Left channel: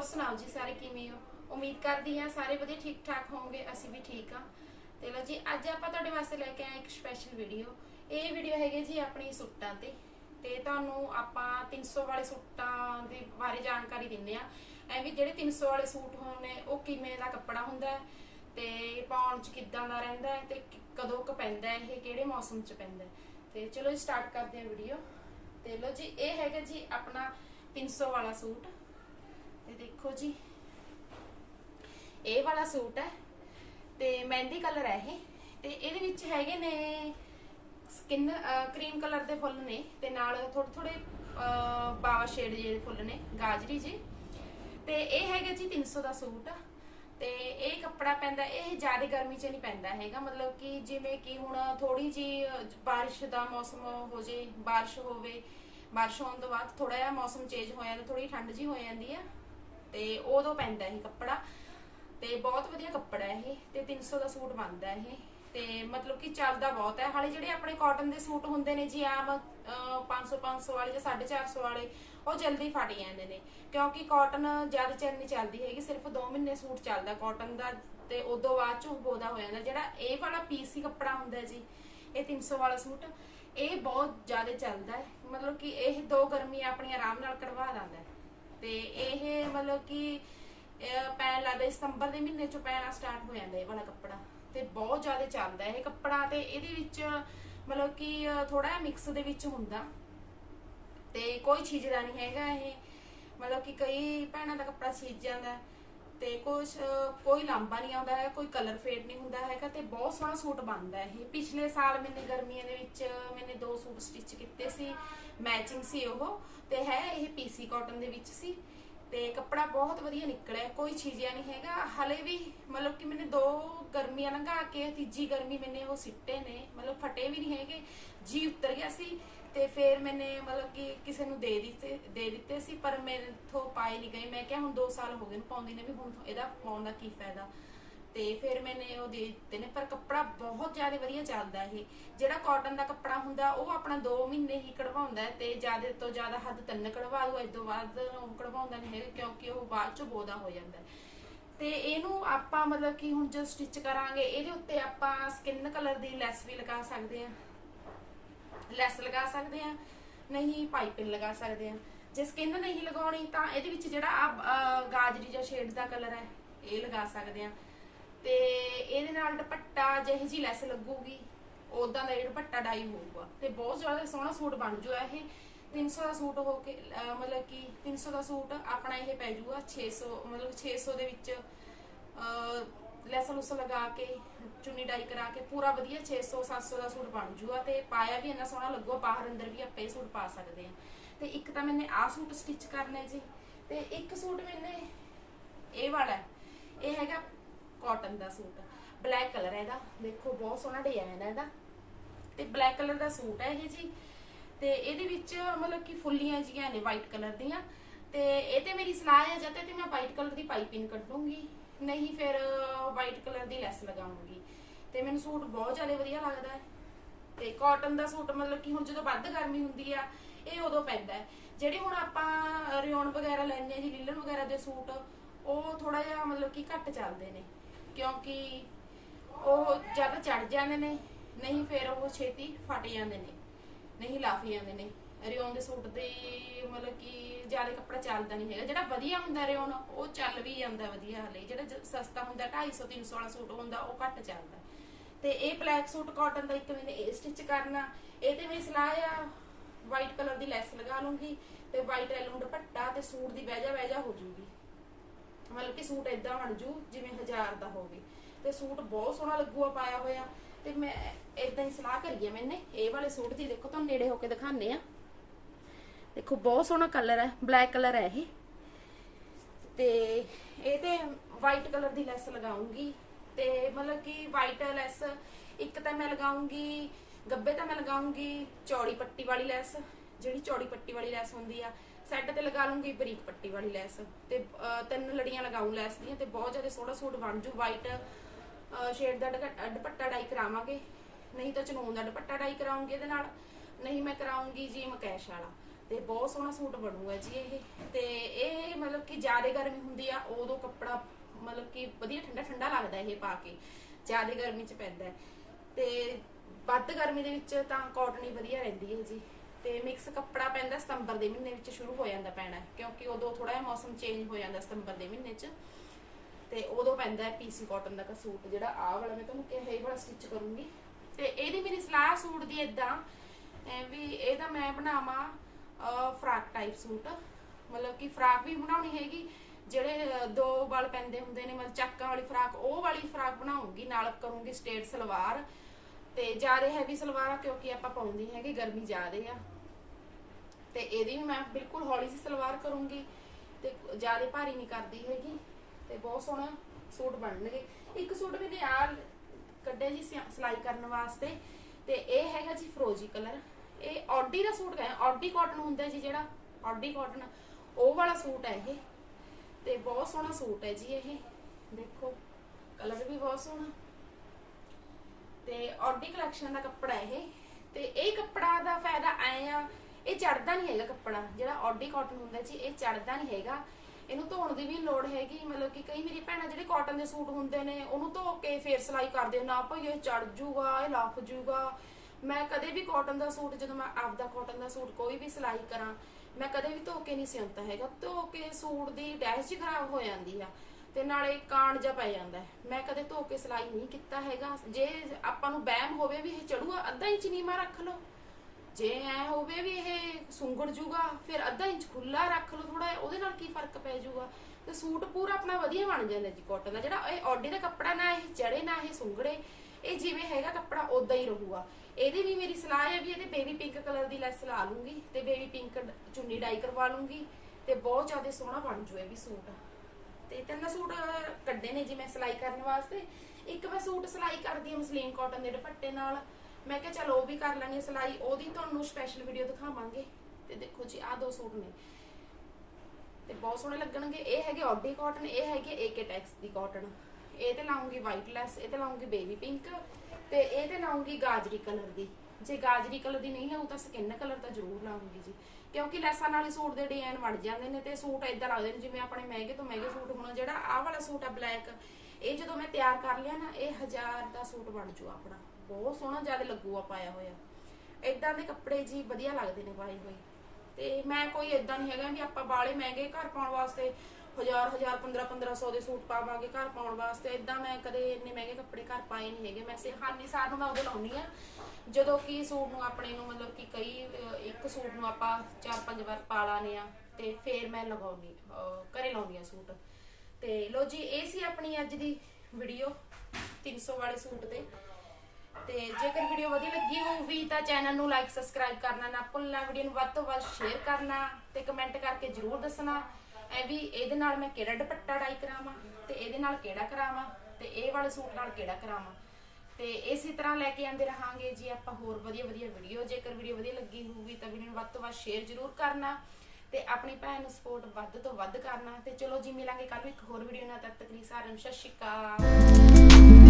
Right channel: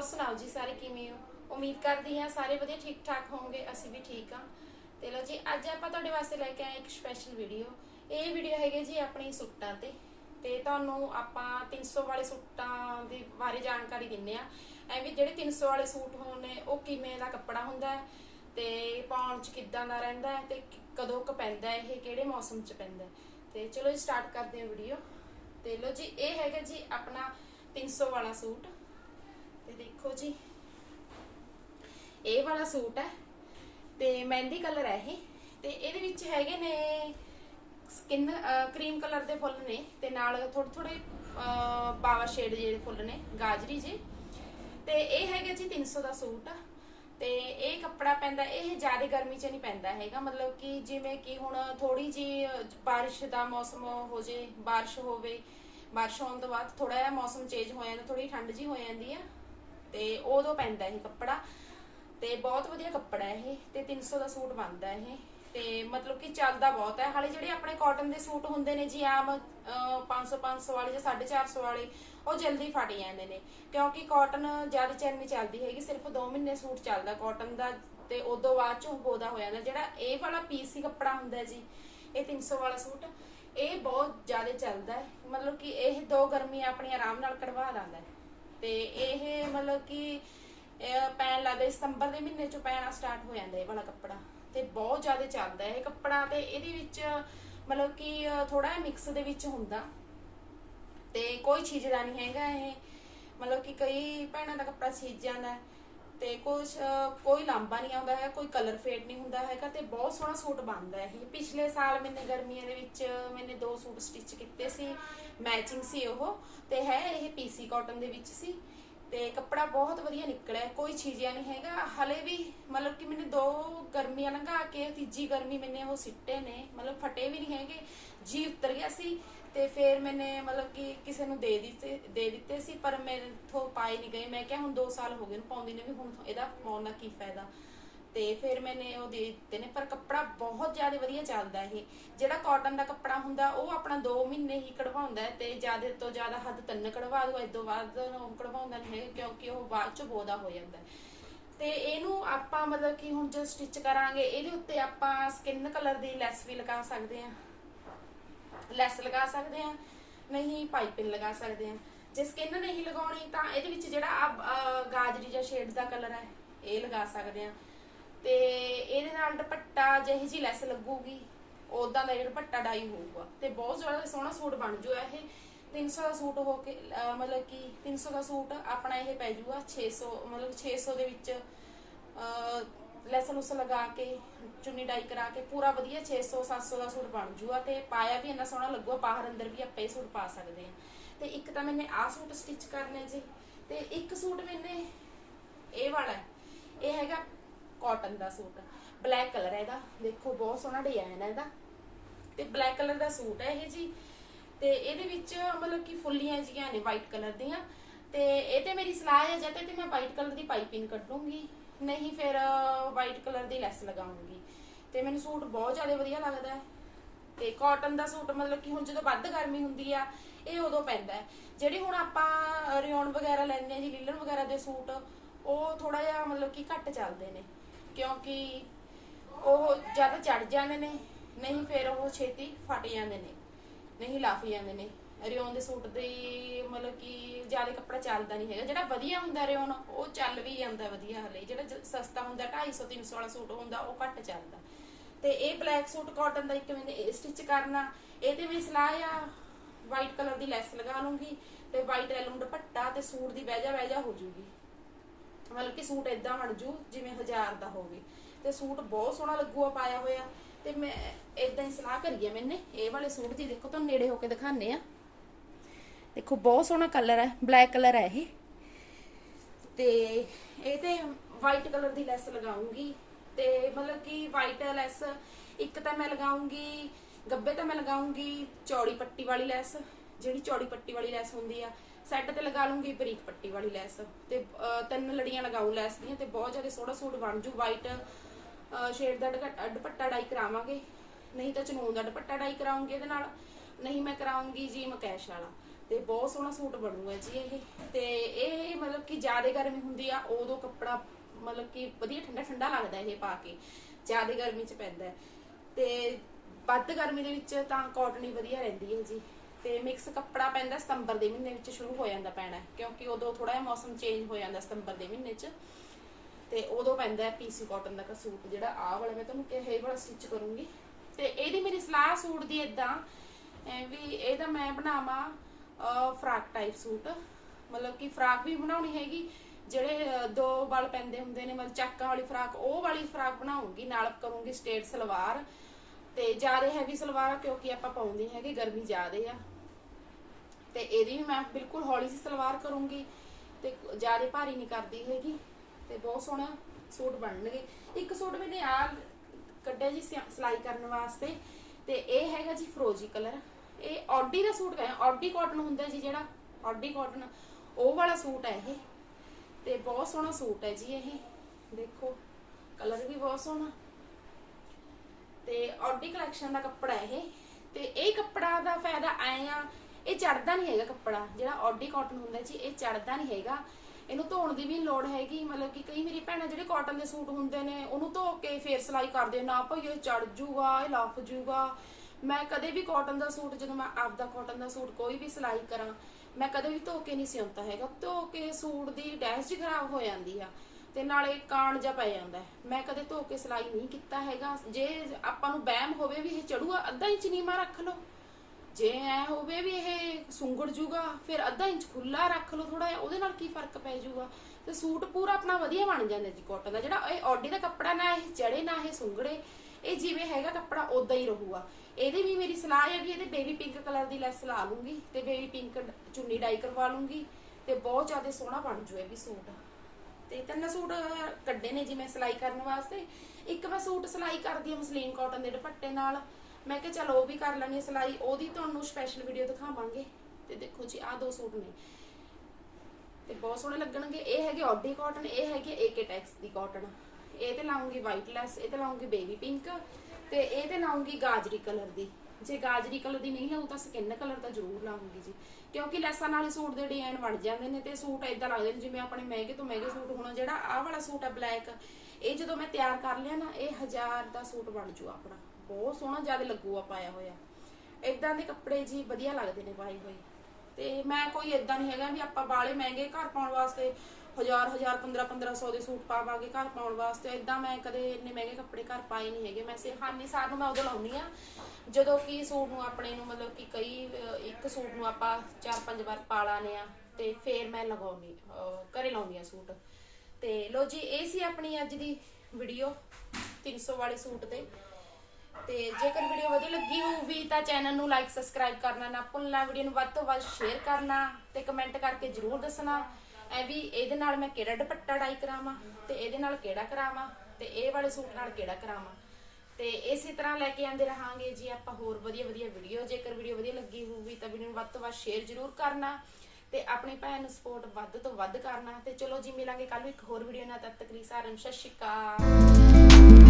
ਹੋਰ ਸੁਣਾਓ ਜੀ ਸਾਰੇ ਕਿਵੇਂ ਹੋ? ਉਮੀਦ ਕਰਦੀ ਹਾਂ ਸਾਰੇ ਵਧੀਆ ਠੀਕ ਠਾਕ ਹੋਵੋਗੇ, ਅਸੀਂ ਵੀ ਠੀਕ ਹਾਂ। ਤੇ ਲੋ ਜੀ, ਅੱਜ ਆਪਾਂ ਤੁਹਾਡੇ ਵਾਸਤੇ ਲੈ ਕੇ ਆਏ ਇੱਕ ਸਪੈਸ਼ਲ ਵੀਡੀਓ ਇਹ ਵੀਡੀਓ ਹੈਗੀ ਜੀ ਆਪਣੀ ਸੂਟਾਂ ਤੇ। ਤੇ ਤੁਹਾਨੂੰ ਆਪਾਂ 300 ਵਾਲੇ ਸੂਟਾਂ ਦੇ ਬਾਰੇ ਜਾਣਕਾਰੀ ਦਿੰਨੇ ਆ ਐਵੇਂ ਜਿਹੜੇ 300 ਵਾਲੇ ਸੂਟ ਹੋਣੇ, ਉਹ ਕਿਵੇਂ ਦਾ ਕੱਪੜਾ ਹੁੰਦਾ ਹੈ, ਤੇ ਪਾਉਣ ਚ ਕਿੱਦਾਂ ਦਾ ਰਹਿੰਦਾ ਹੈ, ਤੇ ਕਦੋਂ ਕ ਪੈਂਦਾ ਇਹ ਕਿਹੜੇ ਮੌਸਮ ਚ ਪੈਂਦਾ ਤੇ ਚਲੋ ਜੀ ਸਟਾਰਟ ਕਰਦੇ ਹਾਂ ਵੀਡੀਓ ਤੇ ਲੋ ਜੀ, ਇਹ ਹੈਗਾ ਜੀ ਆਪਣਾ 300 ਵਾਲਾ ਸੂਟ। ਤੇ ਦੇਖੋ ਜੀ। ਇਹ ਵਾਲਾ ਸੂਟ ਹੈ ਤੇ ਮਹਿੰਦੀ ਕਲਰ ਹੈ ਇਹ। ਤੇ ਇਹਦੇ ਵਿੱਚ ਹੈਗੇ ਨੇ ਸਕਿਨ ਕਰੀਮ ਕਲਰ ਦੇ ਫੁੱਲ ਨੇ ਤੇ ਨਾਲ ਥੋੜੇ ਥੋੜੇ ਬਾਵਾ ਸ਼ੇਡ ਜਿਹੇ ਫੁੱਲ ਨੇ, ਗਾਜਰੀ ਜੀ ਤੇ ਇਹ ਹੈਗਾ ਜੀ 300 ਦਾ ਸੂਟ। ਤੇ ਇਹ ਕੱਪੜਾ ਪੈਂਦਾ, ਇਹ ਜ਼ਿਆਦਾ ਗਰਮੀ 'ਚ ਨਹੀਂ ਪੈਂਦਾ ਹੈਗਾ। ਮਤਲਬ ਕਿ ਜਿਵੇਂ ਕਿ ਹੁਣ ਥੋੜੀ ਜੀ ਬਾਰਿਸ਼ ਦਾ ਮੌਸਮ ਹੋ ਜੇ, ਬਾਰਿਸ਼ ਹੋਵੇ, ਬਾਰਿਸ਼ ਹੋਣ ਤੋਂ ਬਾਅਦ ਥੋੜਾ ਜਿਹਾ ਮੌਸਮ ਚੇਂਜ ਹੋ ਜਾਂਦਾ ਥੋੜੀ ਠੰਡ ਜੀ ਹੋ ਜਾਂਦੀ ਆ। ਤੇ ਉਦੋਂ ਪੈਂਦਾ ਇਹ ਕੱਪੜਾ। ਤੇ ਬਹੁਤ ਵਧੀਆ ਕੱਪੜਾ ਹੈ ਇਹ, ਤੇ 300 ਦਾ ਸੂਟ ਬਣਦਾ ਇਹ। ਤੇ ਮਤਲਬ ਕਿ ਚੱਲਦਾ ਬਹੁਤ ਹੈ। ਹਾਲੇ ਜਿਹੜੇ ਆਪਣੇ ਕਾਟਨ ਦੇ ਸੂਟ ਹੁੰਦੇ ਨੇ, ਜੀ ਆਮ 500 500 ਵਾਲੇ ਜਾਂ 450 ਵਾਲੇ, ਉਹ ਜਲਦੀ ਫਟ ਜਾਂਦੇ ਨੇ। ਕਿਉਂਕਿ ਕਾਟਨ ਜ਼ਿਆਦਾ ਚਿਰ ਨਹੀਂ ਚੱਲਦੀ ਹੈਗੀ, ਸਿਰਫ 2 ਮਹੀਨੇ ਸੂਟ ਚੱਲਦਾ ਕਾਟਨ ਦਾ, ਤੇ ਉਦੋਂ ਬਾਅਦ ਚ ਬੋਦਾ ਹੋ ਜਾਂਦਾ। ਜਿਹੜਾ ਇਹ ਵਾਲਾ ਪੀਸੀ ਕੱਪੜਾ ਹੁੰਦਾ ਜੀ, ਇਹ 300 ਵਾਲਾ ਸੂਟ, ਇਹ ਬਹੁਤ ਜ਼ਿਆਦਾ ਚੱਲਦਾ ਹੈ। ਮਤਲਬ ਕਿ ਇਹ ਦੋ ਗਰਮੀ ਆਪਣੀ ਆਰਾਮ ਨਾਲ ਕਢਵਾ ਦਿੰਦਾ ਹੈ। ਤੇ ਇਹ ਮਤਲਬ ਕਿ ਪੈਣ ਲੱਗਦਾ ਸਤੰਬਰ ਦੇ ਮਹੀਨੇ ਚ ਪੈਣਾ ਸਟਾਰਟ ਹੋ ਜਾਂਦਾ ਇਹ ਵਾਲਾ ਕੱਪੜਾ। ਤੇ ਬਹੁਤ ਜ਼ਿਆਦਾ ਚੱਲਦਾ ਇਹ ਕੱਪੜਾ ਤੇ ਇਹਦੇ ਵਿੱਚ ਮਤਲਬ ਕਿ ਥੋੜਾ ਜਿਹਾ ਮਿਕਸ ਦੇ ਵਿੱਚ ਹੁੰਦਾ। ਤੇ ਕੋਈ ਛਿਜਦਾ ਨਹੀਂ ਹੈਗਾ ਇਹ। ਮਤਲਬ ਕਿ ਕਈ ਭੈਣਾਂ ਦਾ ਕੱਪੜਾ ਛਿਜ ਜਾਂਦਾ। ਹੈ ਤੇ ਕੁਝ ਕੋਈ ਲਾਂਬਾ ਨਹੀਂ ਆਉਂਦਾ ਹੈ, ਕੋਈ ਕਲਰ ਫੇਡ ਨਹੀਂ ਹੁੰਦਾ ਹੈਗਾ ਤੇ ਬਹੁਤ ਸੋਹਣਾ ਸੂਟ ਬਣਦਾ ਇਹ ਪਿਛਲੇ ਸਾਲ ਮੈਨੇ ਗਰਮੀਆਂ ਦੇ ਵਿੱਚ ਮੈਨੇ ਦੋ ਸੂਟ ਸਟਿਚ ਕੀਤੇ ਸੀ ਮੈਚਿੰਗ ਸੀ ਉਹ ਤੇ ਹੈ ਇਹ ਪੀਸੀ ਕਾਟਨ ਦੇ ਵਿੱਚ ਸੀ ਤੇ ਕੱਪੜਾ ਬਹੁਤ ਵਧੀਆ ਨਿਕਲਿਆ, ਕੋਈ ਛਿਜਿਆ ਨਹੀਂ ਹੈਗਾ। ਹਲੇ ਵੀ ਮਤਲਬ ਕਿ ਮੈਨੇ ਦੋ ਗਰਮੀਆਂ ਲੰਘਾ ਕੇ ਤੀਜੀ ਗਰਮੀ ਮੈਨੇ ਉਹ ਸਿੱਟੇ ਨੇ, ਮਤਲਬ ਫਟੇ ਵੀ ਨਹੀਂ ਹੈਗੇ ਜੀ ਉਤਰ ਗਿਆ ਸੀ। ਤੇ ਫਿਰ ਮੈਨੇ ਮਤਲਬ ਕਿ ਕਿਸੇ ਨੂੰ ਦੇ ਦਿੱਤੇ ਦੇ ਦਿੱਤੇ ਸੀ, ਪਰ ਮੈਥੋਂ ਪਾਏ ਨਹੀਂ ਗਏ। ਮੈਂ ਕਿਹਾ ਹੁਣ 2 ਸਾਲ ਹੋ ਗਏ ਨੂੰ ਪਾਉਂਦੀ ਨੇ ਵੀ ਹੁਣ ਇਹਦਾ ਪਾਉਣ ਦਾ ਕੀ ਫਾਇਦਾ? ਤੇ ਫਿਰ ਮੈਨੇ ਉਹ ਦੇ ਦਿੱਤੇ ਨੇ, ਪਰ ਕੱਪੜਾ ਬਹੁਤ ਜ਼ਿਆਦਾ ਵਧੀਆ ਚੱਲਦਾ ਇਹ। ਜਿਹੜਾ ਕਾਟਨ ਦਾ ਕੱਪੜਾ ਹੁੰਦਾ, ਉਹ ਆਪਣਾ 2 ਮਹੀਨੇ ਹੀ ਕਢਵਾਉਂਦਾ ਹੈ ਤੇ ਜ਼ਿਆਦਾ ਤੋਂ ਜ਼ਿਆਦਾ ਹੱਦ ਤਿੰਨ ਕਢਵਾ ਦੂਗਾ ਇਸ ਤੋਂ ਬਾਅਦ ਉਹ ਕਢਵਾਉਂਦਾ ਨਹੀਂ ਹੈ ਕਿਉਂਕਿ ਉਹ ਬਾਅਦ ਚ ਬੋਦਾ ਹੋ ਜਾਂਦਾ ਹੈ। ਤੇ ਇਹਨੂੰ ਆਪਾਂ ਮਤਲਬ ਕਿ ਹੁਣ ਜੋ ਸਟਿਚ ਕਰਾਂਗੇ, ਇਹਦੇ ਉੱਤੇ ਆਪਾਂ ਸਕਿਨ ਕਲਰ ਦੀ ਲੈਸ ਵੀ ਲਗਾ ਸਕਦੇ ਹਾਂ। ਲੈਸ ਲਗਾ ਸਕਦੇ ਆ, ਨਹੀਂ ਪਾਈਪਿੰਗ ਲਗਾ ਸਕਦੇ ਆ। ਜੇ ਸਕਿਨ ਨਹੀਂ ਲਗਾਉਣੀ ਤਾਂ ਇਹਦੇ ਵਿੱਚ ਜਿਹੜਾ ਆ ਗਾਜਰੀ ਜਾਂ ਸ਼ੇਡ ਦਾ ਕਲਰ ਹੈ, ਇਹ ਲਗਾ ਸਕਦੇ ਆ। ਤੇ ਇਹਦੇ ਨਾਲ ਦੁਪੱਟਾ ਜਿਹੇ ਜੀ ਲੈਸ ਲੱਗੂਗੀ ਉਦਾਂ ਦਾ ਜਿਹੜਾ ਦੁਪੱਟਾ ਡਾਈ ਹੋਊਗਾ। ਤੇ ਬਹੁਤ ਜ਼ਿਆਦਾ ਸੋਹਣਾ ਸੂਟ ਬਣ ਜੂਗਾ ਇਹ। 300 ਦਾ ਸੂਟ ਹੋ ਕੇ, ਅਹ ਮਤਲਬ ਕਿ 300 ਦਾ ਸੂਟ ਆਪਣਾ ਇਹ ਪੈ ਜੂਗਾ 600 ਮਤਲਬ 600 ਦੇ ਵਿੱਚ, ਅਹ ਲੈਸ ਲੁਸ ਲਗਾ ਕੇ ਚੁੰਨੀ ਡਾਈ ਕਰਾ ਕੇ ਪੂਰਾ ਵਧੀਆ 600 700 ਦਾ ਸੂਟ ਬਣ ਜੂਗਾ ਤੇ ਪਾਇਆ ਵੀ ਇੰਨਾ ਸੋਹਣਾ ਲੱਗੂਗਾ, ਬਾਹਰ ਅੰਦਰ ਵੀ ਆਪਾਂ ਇਹ ਸੂਟ ਪਾ ਸਕਦੇ ਆ ਤੇ ਇੱਕ ਤਾਂ ਮੈਨੇ ਆਹ ਸੂਟ ਸਟਿਚ ਕਰਨੇ ਜੀ, ਤੇ ਇੱਕ ਸੂਟ ਮੈਨੇ ਇਹ ਵਾਲਾ, ਇਹ ਹੈਗਾ ਕਾਟਨ ਦਾ ਸੂਟ। ਬਲੈਕ ਕਲਰ ਹੈ ਇਹਦਾ, ਦੇਖੋ ਬਹੁਤ ਸੋਹਣਾ ਡਿਜ਼ਾਈਨ ਹੈ ਇਹਦਾ। ਤੇ ਬਲੈਕ ਕਲਰ ਦਾ ਸੂਟ ਹੈ ਇਹ ਜੀ, ਤੇ ਇਹਦੇ ਵਿੱਚ ਮਤਲਬ ਕਿ ਫੁੱਲੀਆਂ ਜੀਆਂ ਨੇ ਵਾਈਟ ਕਲਰ ਦੀਆਂ, ਤੇ ਇਹ ਤੇ ਮੇਰੀ ਸਲਾਹ ਹੈ ਜਦ ਤੇ ਮੈਂ ਵਾਈਟ ਕਲਰ ਦੀ ਪਾਈਪਿੰਗ ਕੱਢੂੰਗੀ। ਨਹੀਂ, ਫਿਰ ਵਾਈਟ ਕਲਰ ਦੀ ਲੈਸ ਲਗਾਉਂਗੀ। ਤੇ ਮੈਨੂੰ ਸੂਟ ਬਹੁਤ ਜ਼ਿਆਦਾ ਵਧੀਆ ਲੱਗਦਾ ਹੈ। ਤੇ ਕਾਟਨ ਦਾ ਸੂਟ ਮਤਲਬ ਕਿ ਹੁਣ ਜਦੋਂ ਵੱਧ ਗਰਮੀ ਹੁੰਦੀ ਆ, ਇਹ ਉਦੋਂ ਪੈਂਦਾ ਹੈ। ਜਿਹੜੇ ਹੁਣ ਆਪਾਂ ਰਿਓਨ ਵਗੈਰਾ ਲੈਂਦੇ ਆ ਜੀ ਲੀਲਨ ਵਗੈਰਾ ਦੇ ਸੂਟ, ਉਹ ਥੋੜਾ ਜਿਹਾ ਮਤਲਬ ਕਿ ਘੱਟ ਚੱਲਦੇ ਨੇ। ਕਿਉਂਕਿ ਉਹ ਜ਼ਿਆਦਾ ਚੜ ਜਾਂਦੇ ਨੇ, ਨਹੀਂ, ਫਿਰ ਉਹ ਛੇਤੀ ਫਟ ਜਾਂਦੇ ਨੇ, ਨਹੀਂ ਲੱਫ ਜਾਂਦੇ ਨੇ। ਰਿਓਨ ਦੇ ਸੂਟ ਦੇ ਮਤਲਬ ਕਿ ਜ਼ਿਆਦਾ ਕੱਪੜਾ ਚੱਲਦਾ ਨਹੀਂ ਹੈਗਾ। ਜਿਹੜਾ ਵਧੀਆ ਹੁੰਦਾ ਰਿਓਨ, ਉਹ ਚੱਲ ਵੀ ਜਾਂਦਾ ਵਧੀਆ ਹਲੇ। ਜਿਹੜਾ ਜ- ਸਸਤਾ ਹੁੰਦਾ 250 300 ਵਾਲਾ ਸੂਟ ਹੁੰਦਾ, ਉਹ ਘੱਟ ਚੱਲਦਾ। ਤੇ ਇਹ ਬਲੈਕ ਸੂਟ ਕਾਟਨ ਦਾ ਇੱਕ ਮੈंने ਸਟਿਚ ਕਰਨਾ। ਇਹਦੇ ਵਿੱਚ ਸਲਾਹ ਆ ਵਾਈਟ ਕਲਰ ਦੀ ਲੈਸ ਲਗਾ ਲੂੰਗੀ ਤੇ ਵਾਈਟ ਰੈਲੂਮ ਦੁਪੱਟਾ ਤੇ ਸੂਟ ਦੀ ਵਹਿਜਾ ਵਹਿਜਾ ਹੋ ਜੂਗੀ। ਮਤਲਬ ਕਿ ਸੂਟ ਇਦਾਂ ਬਣ ਜੂ, ਜਿਵੇਂ ਹਜ਼ਾਰ ਦਾ ਹੋਵੇ। ਤੇ ਸੂਟ ਬਹੁਤ ਸੋਹਣਾ ਲੱਗੂਗਾ ਪਾਇਆ ਹੋਇਆ। ਤੇ ਮੈਂ ਇਦਾਂ ਹੀ ਸਲਾਹ ਕਰੀਏ ਮੈਨੇ। ਇਹ ਵਾਲੇ ਸੂਟ ਦੀ ਦੇਖੋ, ਤੁਹਾਨੂੰ ਨੇੜੇ ਹੋ ਕੇ ਦਿਖਾਣੇ ਆ। ਦੇਖੋ, ਬਹੁਤ ਸੋਹਣਾ ਕਲਰ ਹੈ ਬਲੈਕ ਕਲਰ ਹੈ ਇਹ। ਤੇ ਇਹ ਤੇ ਵਾਈਟ ਕਲਰ ਦੀ ਲੈਸ ਲਗਾਉਂਗੀ। ਤੇ ਮਤਲਬ ਕਿ ਵਾਈਟ ਲੈਸ ਇੱਕ ਤਾਂ ਮੈਂ ਲਗਾਉਂਗੀ, ਗੱਬੇ ਤਾਂ ਮੈਂ ਲਗਾਉਂਗੀ, ਚੌੜੀ ਪੱਟੀ ਵਾਲੀ ਲੈਸ ਜਿਹੜੀ ਚੌੜੀ ਪੱਟੀ ਵਾਲੀ ਲੈਸ ਹੁੰਦੀ ਆ ਸੈੱਟ ਤੇ ਲਗਾ ਲੂੰਗੀ ਬਰੀਕ ਪੱਟੀ ਵਾਲੀ ਲੈਸ ਤੇ ਤਿੰਨ ਲੜੀਆਂ ਲਗਾਉਂ ਲੈਸ ਦੀਆਂ, ਤੇ ਬਹੁਤ ਜ਼ਿਆਦਾ ਸੋਹਣਾ ਸੂਟ ਬਣ ਜੂ ਵਾਈਟ ਸ਼ੇਡ ਦਾ ਦੁਪੱਟਾ- ਦੁਪੱਟਾ ਡਾਈ ਕਰਾਵਾਂਗੇ। ਨਹੀਂ ਤਾਂ ਚਨੂਨ ਦਾ ਦੁਪੱਟਾ ਡਾਈ ਕਰਾਉਂਗੀ ਇਹਦੇ ਨਾਲ, ਨਹੀਂ ਮੈਂ ਕਰਾਉਂਗੀ ਜੀ ਮਕੈਸ਼ ਵਾਲਾ। ਤੇ ਬਹੁਤ ਸੋਹਣਾ ਸੂਟ ਬਣੂਗਾ ਜੀ ਇਹ। ਤੇ ਇਹ ਮਤਲਬ ਕਿ ਜ਼ਿਆਦਾ ਗਰਮੀ ਹੁੰਦੀ ਆ ਉਦੋਂ ਕੱਪੜਾ ਮਤਲਬ ਕਿ ਵਧੀਆ ਠੰਡਾ ਠੰਡਾ ਲੱਗਦਾ ਇਹ ਪਾ ਕੇ। ਜ਼ਿਆਦਾ ਗਰਮੀ ਚ ਪੈਂਦਾ ਤੇ ਵੱਧ ਗਰਮੀ ਦੇ ਵਿੱਚ ਤਾਂ ਕਾਟਨ ਹੀ ਵਧੀਆ ਰਹਿੰਦੀ ਹੈ ਜੀ। ਤੇ ਮਿਕਸ ਕੱਪੜਾ ਪੈਂਦਾ ਸਤੰਬਰ ਦੇ ਮਹੀਨੇ ਵਿੱਚ ਸ਼ੁਰੂ ਹੋ ਜਾਂਦਾ ਪੈਣਾ ਹੈ, ਕਿਉਂਕਿ ਉਦੋਂ ਥੋੜਾ ਜਿਹਾ ਮੌਸਮ ਚੇਂਜ ਹੋ ਜਾਂਦਾ ਸਤੰਬਰ ਦੇ ਮਹੀਨੇ 'ਚ। ਤੇ ਉਦੋਂ ਪੈਂਦਾ ਹੈ ਪੀਸੀ ਕਾਟਨ ਦਾ ਸੂਟ ਜਿਹੜਾ ਆਹ ਵਾਲਾ ਮੈਂ ਤੁਹਾਨੂੰ ਕਿਹਾ ਇਹ ਵਾਲਾ ਸਟਿਚ ਕਰੂੰਗੀ। ਤੇ ਇਹਦੀ ਮੇਰੀ ਸਲਾਹ ਸੂਟ ਦੀ ਇਦਾਂ ਵੀ ਇਹਦਾ ਮੈਂ ਬਣਾਵਾਂ ਫਰਾਕ ਟਾਈਪ ਸੂਟ। ਮਤਲਬ ਕਿ ਫਰਾਕ ਵੀ ਬਣਾਉਣੀ ਹੈਗੀ, ਜਿਹੜੇ ਦੋ ਵਾਲ ਪੈਂਦੇ ਹੁੰਦੇ ਨੇ, ਮਤਲਬ ਚੱਕਾਂ ਵਾਲੀ ਫਰਾਕ, ਉਹ ਵਾਲੀ ਫਰਾਕ ਬਣਾਉਂਗੀ, ਨਾਲ ਕਰੂੰਗੀ ਸਟੇਟ ਸਲਵਾਰ। ਤੇ ਜ਼ਿਆਦਾ ਹੈਵੀ ਸਲਵਾਰ, ਕਿਉਂਕਿ ਆਪਾਂ ਪਾਉਂਦੇ ਹੈਗੇ, ਗਰਮੀ ਜ਼ਿਆਦੇ ਆ। ਤੇ ਇਹਦੀ ਵੀ ਮੈਂ ਬਿਲਕੁਲ ਹੌਲੀ ਸੀ ਸਲਵਾਰ ਕਰੂੰਗੀ, ਤੇ ਜ਼ਿਆਦਾ ਭਾਰੀ ਨਹੀਂ ਕਰਦੀ ਹੈਗੀ, ਤੇ ਬਹੁਤ ਸੋਹਣਾ ਸੂਟ ਬਣਨਗੇ। ਇੱਕ ਸੂਟ ਮੈਨੇ ਆ ਕੱਢਿਆ ਜੀ ਸਿਲਾਈ ਕਰਨ ਵਾਸਤੇ, ਤੇ ਇਹ ਹੈਗਾ ਜੀ ਫਰੋਜੀ ਕਲਰ। ਇਹ ਆਡੀ ਦਾ ਸੂਟ ਹੈ ਆਡੀ ਕਾਟਨ ਹੁੰਦਾ ਜੀ ਜਿਹੜਾ, ਆਡੀ ਕਾਟਨ ਉਹ ਵਾਲਾ ਸੂਟ ਹੈ ਇਹ। ਤੇ ਬਹੁਤ ਸੋਹਣਾ ਸੂਟ ਹੈ ਜੀ ਇਹ। ਦੇਖੋ ਕਲਰ ਵੀ ਬਹੁਤ ਸੋਹਣਾ। ਤੇ ਆਡੀ ਕਲੈਕਸ਼ਨ ਦਾ ਕੱਪੜਾ ਇਹ। ਤੇ ਇਹ ਕੱਪੜਾ ਦਾ ਫਾਇਦਾ ਐ ਆ, ਇਹ ਚੜਦਾ ਨਹੀਂ ਹੈਗਾ ਕੱਪੜਾ। ਜਿਹੜਾ ਆਡੀ ਕਾਟਨ ਹੁੰਦਾ ਜੀ, ਇਹ ਚੜਦਾ ਨਹੀਂ ਹੈਗਾ। ਇਹਨੂੰ ਧੋਣ ਦੀ ਵੀ ਲੋੜ ਹੈਗੀ। ਮਤਲਬ ਕਿ ਕਈ ਮੇਰੀ ਭੈਣਾਂ ਜਿਹੜੇ ਕਾਟਨ ਦੇ ਸੂਟ ਹੁੰਦੇ ਨੇ, ਉਹਨੂੰ ਧੋ ਕੇ ਫੇਰ ਸਿਲਾਈ ਕਰਦੇ ਨਾ। ਭਾਈ ਇਹ ਚੜ ਜੂਗਾ, ਇਹ ਲੱਫ ਜੂਗਾ। ਮੈਂ ਕਦੇ ਵੀ ਕਾਟਨ ਦਾ ਸੂਟ, ਜਦੋਂ ਮੈਂ ਆਪਦਾ ਕਾਟਨ ਦਾ ਸੂਟ ਕੋਈ ਵੀ ਸਿਲਾਈ ਕਰਾਂ, ਮੈਂ ਕਦੇ ਵੀ ਧੋ ਕੇ ਨਹੀਂ ਸਿਉਂਤਾ ਹੈਗਾ। ਧੋ ਕੇ ਸੂਟ ਦੀ ਡੈਸ਼ ਜੀ ਖਰਾਬ ਹੋ ਜਾਂਦੀ ਆ ਤੇ ਨਾਲੇ ਕਾਣ ਜਾ ਪੈ ਜਾਂਦਾ ਮੈਂ ਕਦੇ ਧੋ ਕੇ ਸਿਲਾਈ ਨਹੀਂ ਕੀਤਾ ਹੈਗਾ। ਜੇ ਆਪਾਂ ਨੂੰ ਵਹਿਮ ਹੋਵੇ ਵੀ ਇਹ ਚੜੂਗਾ ਅੱਧਾ ਇੰਚ ਨੀਮਾ ਰੱਖ ਲਓ। ਜੇ ਐ ਹੋਵੇ ਵੀ ਇਹ ਸੁੰਗੜ ਜੂਗਾ, ਫਿਰ ਅੱਧਾ ਇੰਚ ਖੁੱਲਾ ਰੱਖ ਲਓ ਥੋੜਾ ਉਹਦੇ ਨਾਲ ਕੀ ਫ਼ਰਕ ਪੈ ਜੂਗਾ? ਤੇ ਸੂਟ ਪੂਰਾ ਆਪਣਾ ਵਧੀਆ ਬਣ ਜਾਂਦਾ ਜੀ ਕਾਟਨ ਦਾ। ਜਿਹੜਾ ਇਹ ਆਡੀ ਦਾ ਕੱਪੜਾ ਨਾ ਇਹ ਚੜੇ, ਨਾ ਇਹ ਸੁੰਗੜੇ, ਇਹ ਜਿਵੇਂ ਹੈਗਾ ਕੱਪੜਾ ਉਦਾਂ ਹੀ ਰਹੂਗਾ। ਇਹਦੀ ਵੀ ਮੇਰੀ ਸਲਾਹ ਹੈ ਵੀ ਇਹਦੇ ਬੇਬੀ ਪਿੰਕ ਕਲਰ ਦੀ ਲੈਸ ਲਾ ਲੂੰਗੀ ਤੇ ਬੇਬੀ ਪਿੰਕ ਚੁੰਨੀ ਡਾਈ ਕਰਵਾ ਲੂੰਗੀ ਤੇ ਬਹੁਤ ਜ਼ਿਆਦਾ ਸੋਹਣਾ ਬਣ ਜੂ ਇਹ ਵੀ ਸੂਟ। ਤੇ ਤਿੰਨ ਸੂਟ ਕੱਢੇ ਨੇ ਜੀ ਮੈਂ ਸਿਲਾਈ ਕਰਨ ਵਾਸਤੇ। ਇੱਕ ਮੈਂ ਸੂਟ ਸਿਲਾਈ ਕਰਦੀ ਹਾਂ ਮਸਲੀਨ ਕਾਟਨ ਦੇ ਦੁਪੱਟੇ ਨਾਲ। ਮੈਂ ਕਿਹਾ ਚਲੋ ਉਹ ਵੀ ਕਰ ਲੈਣੀ ਸਿਲਾਈ, ਉਹਦੀ ਤੁਹਾਨੂੰ ਸਪੈਸ਼ਲ ਵੀਡੀਓ ਦਿਖਾਵਾਂਗੇ। ਤੇ ਦੇਖੋ ਜੀ, ਆਹ ਦੋ ਸੂਟ ਨੇ। ਤੇ ਬਹੁਤ ਸੋਹਣੇ ਲੱਗਣਗੇ। ਇਹ ਹੈਗੇ ਆਡੀ ਕਾਟਨ ਇਹ ਹੈਗੇ ਏਕੇ ਟੈਕਸ ਦੀ ਕਾਟਨ ਇਹ ਤੇ ਲਾਉਂਗੀ ਵਾਈਟ ਲੈਸ ਇਹ ਤੇ ਲਾਉਂਗੀ ਬੇਬੀ ਪਿੰਕ ਤੇ ਇਹ ਤੇ ਲਾਉਂਗੀ ਗਾਜਰੀ ਕਲਰ ਦੀ। ਜੇ ਗਾਜਰੀ ਕਲਰ ਦੀ ਨਹੀਂ ਲਾਉ ਤਾਂ ਸਕਿਨ ਕਲਰ ਦਾ ਜ਼ਰੂਰ ਲਾਉਂਗੀ ਜੀ। ਕਿਉਂਕਿ ਲੈਸਾਂ ਨਾਲ ਸੂਟ ਦੇ ਡਿਜ਼ਾਈਨ ਬਣ ਜਾਂਦੇ ਨੇ ਤੇ ਸੂਟ ਇਦਾਂ ਲੱਗਦੇ ਨੇ, ਜਿਵੇਂ ਆਪਣੇ ਮਹਿੰਗੇ ਤੋਂ ਮਹਿੰਗੇ ਸੂਟ ਹੋਣਾ, ਜਿਹੜਾ ਆਹ ਵਾਲਾ ਸੂਟ ਆ ਬਲੈਕ ਇਹ ਜਦੋਂ ਮੈਂ ਤਿਆਰ ਕਰ ਲਿਆ ਨਾ, ਇਹ ਹਜ਼ਾਰ ਦਾ ਸੂਟ ਬਣ ਜੂ ਆਪਣਾ। ਬਹੁਤ ਸੋਹਣਾ ਜ਼ਿਆਦਾ ਲੱਗੂਗਾ ਪਾਇਆ ਹੋਇਆ। ਇਦਾਂ ਦੇ ਕੱਪੜੇ ਜੀ ਵਧੀਆ ਲੱਗਦੇ ਨੇ ਪਾਏ ਹੋਏ। ਤੇ ਮੈਂ ਕੋਈ ਇਦਾਂ ਨਹੀਂ ਹੈਗਾ ਵੀ ਆਪਾਂ ਬਾਲੇ ਮਹਿੰਗੇ ਘਰ ਪਾਉਣ ਵਾਸਤੇ ਹਜ਼ਾਰ ਹਜ਼ਾਰ 15 1500 ਦੇ ਸੂਟ ਪਾਵਾਂਗੇ ਘਰ ਪਾਉਣ ਵਾਸਤੇ। ਇਦਾਂ ਮੈਂ ਕਦੇ ਇੰਨੇ ਮਹਿੰਗੇ ਕੱਪੜੇ ਘਰ ਪਾਏ ਨਹੀਂ ਹੈਗੇ। ਮੈਂ ਸਿਰਹਾਨੀ ਸਾਰ ਨੂੰ ਮੈਂ ਉਦੋਂ ਲਾਉਣੀ ਆ ਜਦੋਂ ਕਿ ਸੂਟ ਨੂੰ ਆਪਣੇ ਨੂੰ ਮਤਲਬ ਕਿ ਕਈ ਅਹ, ਇੱਕ ਸੂਟ ਨੂੰ ਆਪਾਂ ਚਾਰ ਪੰਜ ਵਾਰ ਪਾ ਲਾਨੇ ਆ ਤੇ ਫੇਰ ਮੈਂ ਲਗਾਉਣੀ ਘਰੇ ਲਾਉਂਦੀ ਆ ਸੂਟ। ਤੇ ਲੋ ਜੀ ਇਹ ਸੀ ਆਪਣੀ ਅੱਜ ਦੀ ਵੀਡੀਓ 300 ਵਾਲੇ ਸੂਟ ਤੇ। ਤੇ ਜੇਕਰ ਵੀਡੀਓ ਵਧੀਆ ਲੱਗੀ ਹੋਊਗੀ ਤਾਂ ਚੈਨਲ ਨੂੰ ਲਾਈਕ ਸਬਸਕ੍ਰਾਈਬ ਕਰਨਾ ਨਾ ਭੁੱਲਣਾ। ਵੀਡੀਓ ਨੂੰ ਵੱਧ ਤੋਂ ਵੱਧ ਸ਼ੇਅਰ ਕਰਨਾ ਤੇ ਕਮੈਂਟ ਕਰਕੇ ਜਰੂਰ ਦੱਸਣਾ। ਐ ਵੀ ਇਹਦੇ ਨਾਲ ਮੈਂ ਕਿਹੜਾ ਦੁਪੱਟਾ ਡਾਈ ਕਰਾਵਾਂ ਤੇ ਇਹਦੇ ਨਾਲ ਕਿਹੜਾ ਕਰਾਵਾਂ ਤੇ ਇਹ ਵਾਲੇ ਸੂਟ ਨਾਲ ਕਿਹੜਾ ਕਰਾਵਾਂ। ਤੇ ਇਸੇ ਤਰ੍ਹਾਂ ਲੈ ਕੇ ਆਂਦੇ ਰਹਾਂਗੇ, ਜੀ ਆਪਾਂ ਹੋਰ ਵਧੀਆ ਵਧੀਆ ਵੀਡੀਓ ਜੇਕਰ ਵੀਡੀਓ ਵਧੀਆ ਲੱਗੀ ਹੋਊਗੀ ਤਾਂ ਵੀਡੀਓ ਨੂੰ ਵੱਧ ਤੋਂ ਵੱਧ ਸ਼ੇਅਰ ਜਰੂਰ ਕਰਨਾ ਤੇ ਆਪਣੀ ਭੈਣ ਨੂੰ ਸਪੋਰਟ ਵੱਧ ਤੋਂ ਵੱਧ ਕਰਨਾ ਤੇ ਚਲੋ ਜੀ ਮਿਲਾਂਗੇ ਕੱਲ ਨੂੰ ਇੱਕ ਹੋਰ ਵੀਡੀਓ ਨਾਲ, ਤਦ ਤੱਕ ਲਈ ਸਾਰਿਆਂ ਨੂੰ ਸਤਿ ਸ਼੍ਰੀ ਅਕਾਲ।